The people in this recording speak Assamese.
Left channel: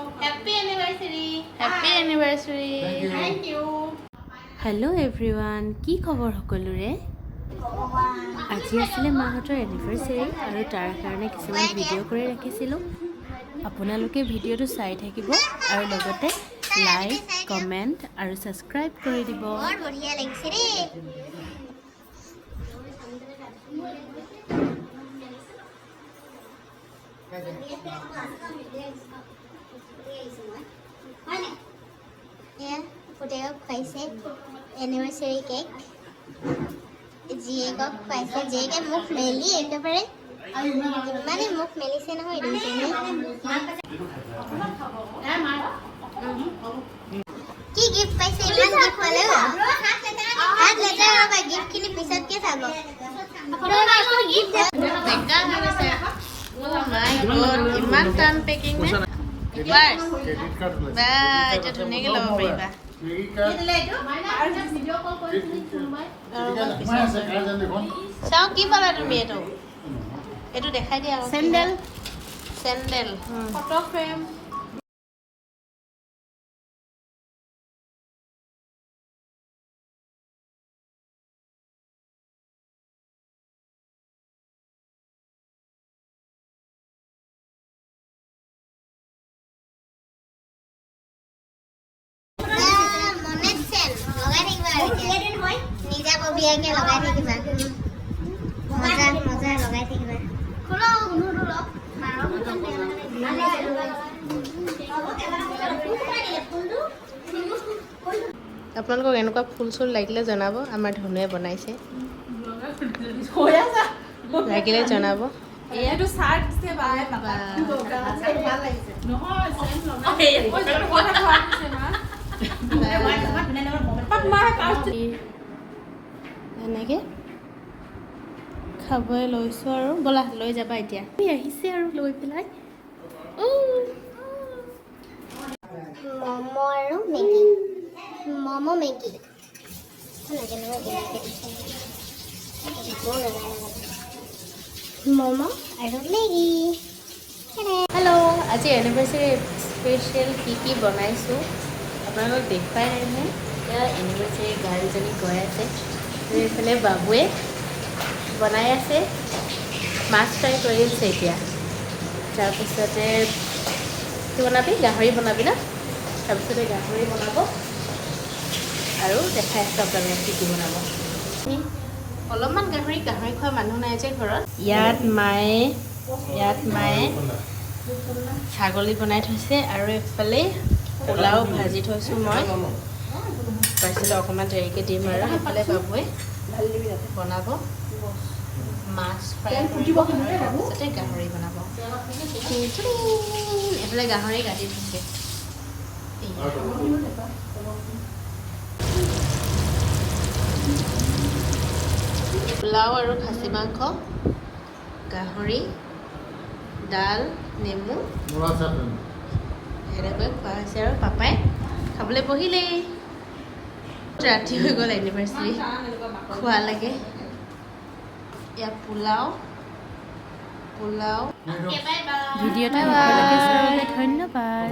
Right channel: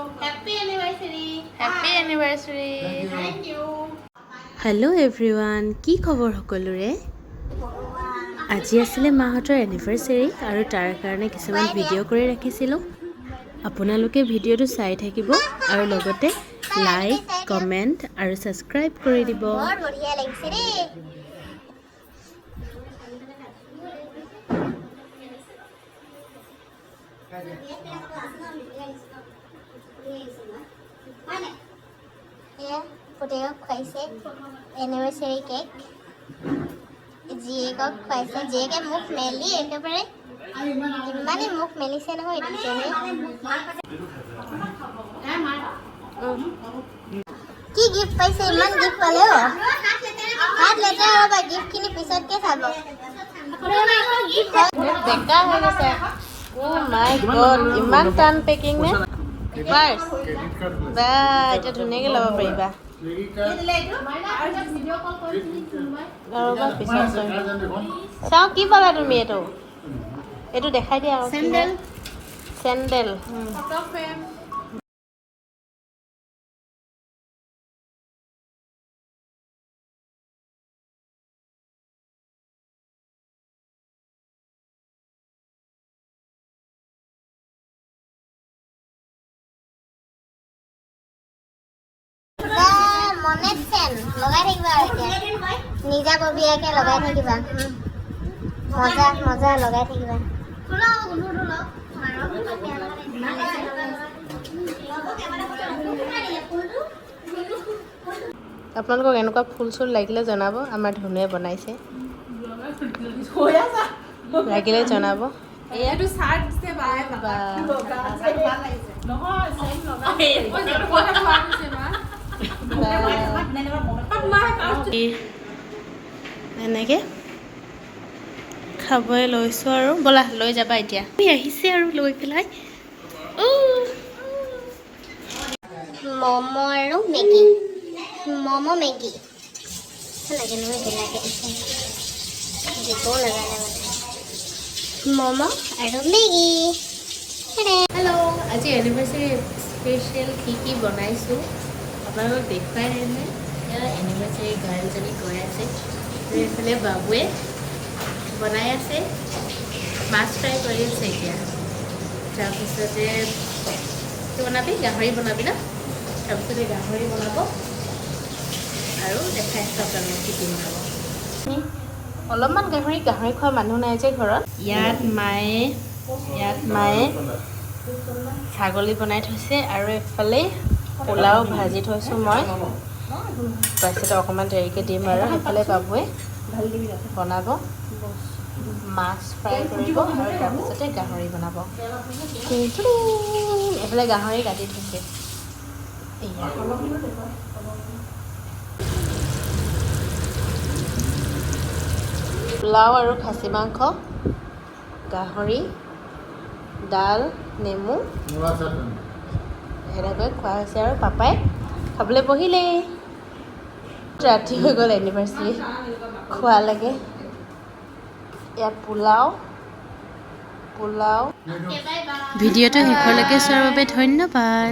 Happy anniversary. Happy anniversary. Thank you. Hello everyone, কি খবৰ সকলোৰে? আজি আছিলে মাহঁতৰ এনিভাৰ্সাৰী আৰু তাৰ কাৰণে কিছুমান ভিডিঅ' কৰি ৰাখিছিলোঁ। আপোনালোকে ভিডিঅ'টো চাই থাকিব আৰু লগতে লাইক, কমেণ্ট আৰু সাবস্ক্ৰাইব কৰি দিব। বহুত বঢ়িয়া লাগিছে দেই। পুতেকক খুৱাইছে এনিভাৰ্চাৰী কেক, জীয়েকক খুৱাইছে। জীয়েকে মুখ মেলি একেবাৰে ইমানে মুখ মেলিছে নহয় দুইজনী। কি গিফ্ট পাইছে? ইমান গিফ্ট পালে অ। হাত লেতেৰা ৰ'বা, গিফ্টখিনি পিছতকে চাব। বেকা হৈ গৈছে। Oh my god, ইমান টান পেকিং নে? ফাৰ্ষ্ট বা এটা ধুনীয়াকৈ ল'ব পাৰিবা। চাওঁ কি পালা তুমি? এইটো দেখাই দিয়া। চেণ্ডেল। Sandal Photo frame. মনে চেন লগাই থাকিবা আৰু এতিয়া নিজাববীয়াকে লগাই থাকিবা। মজা মজা লগাই থাকিবা। আপোনালোকক এনেকুৱা ফুল চুল লাগিলে জনাব, আমাৰ ধুনুৱে বনাইছে। লাগিলে জনাব। এইটো চাৰ্ট দিছে বাই পাপা। এনেকে খাবই লৈছোঁ আৰু ব'লা লৈ যাবা এতিয়া। আহিছে আৰু লৈ পেলাই ম'ম' আৰু মেগী। ম'ম' মেগী সেনেকৈ দিবও নাজানে মানে। ম'ম' আৰু মেগী। হেল্ল', আজি এনিভাৰ্চাৰী স্পেচিয়েল কি বনাইছোঁ আপোনালোকক দেখুৱাই নাই নহয়। এনিভাৰ্চাৰী গাড়ীজনী গৈ আছে আৰু এইফালে বাবুৱে বনাই আছে, মাছ ফ্ৰাই কৰি আছে এতিয়া। তাৰপিছতে কি বনাবি? গাহৰি বনাবি ন? তাৰপিছতে গাহৰি বনাব আৰু দেখাই আছোঁ আপোনালোকক কি বনাব। অলপমান গাহৰি খোৱা মানুহ নাই যে ঘৰত। ইয়াত মায়ে ছাগলী বনাই থৈছে আৰু এইফালে পোলাও ভাজি থৈছোঁ মই। তাৰপিছতে অকণমান দেৰিকৈ দিম আৰু সেইফালে বাবুৱে বনাব, মাছ ফ্ৰাই কৰিব আৰু তাৰপিছতে গাহৰি বনাব। এইফালে গাহৰি কাটি থৈছে। পোলাও আৰু খাচী মাংস, গাহৰি, ডাল, নেমু এনেকৈ খোৱা হৈছে আৰু পাপাই খাবলৈ বহিলেই। ৰাতি হৈ গ'ল এনিভাৰ্চাৰী খোৱা লাগে। এয়া পোলাও। ভিডিঅ'টো শেষলৈকে চোৱাৰ বাবে ধন্যবাদ।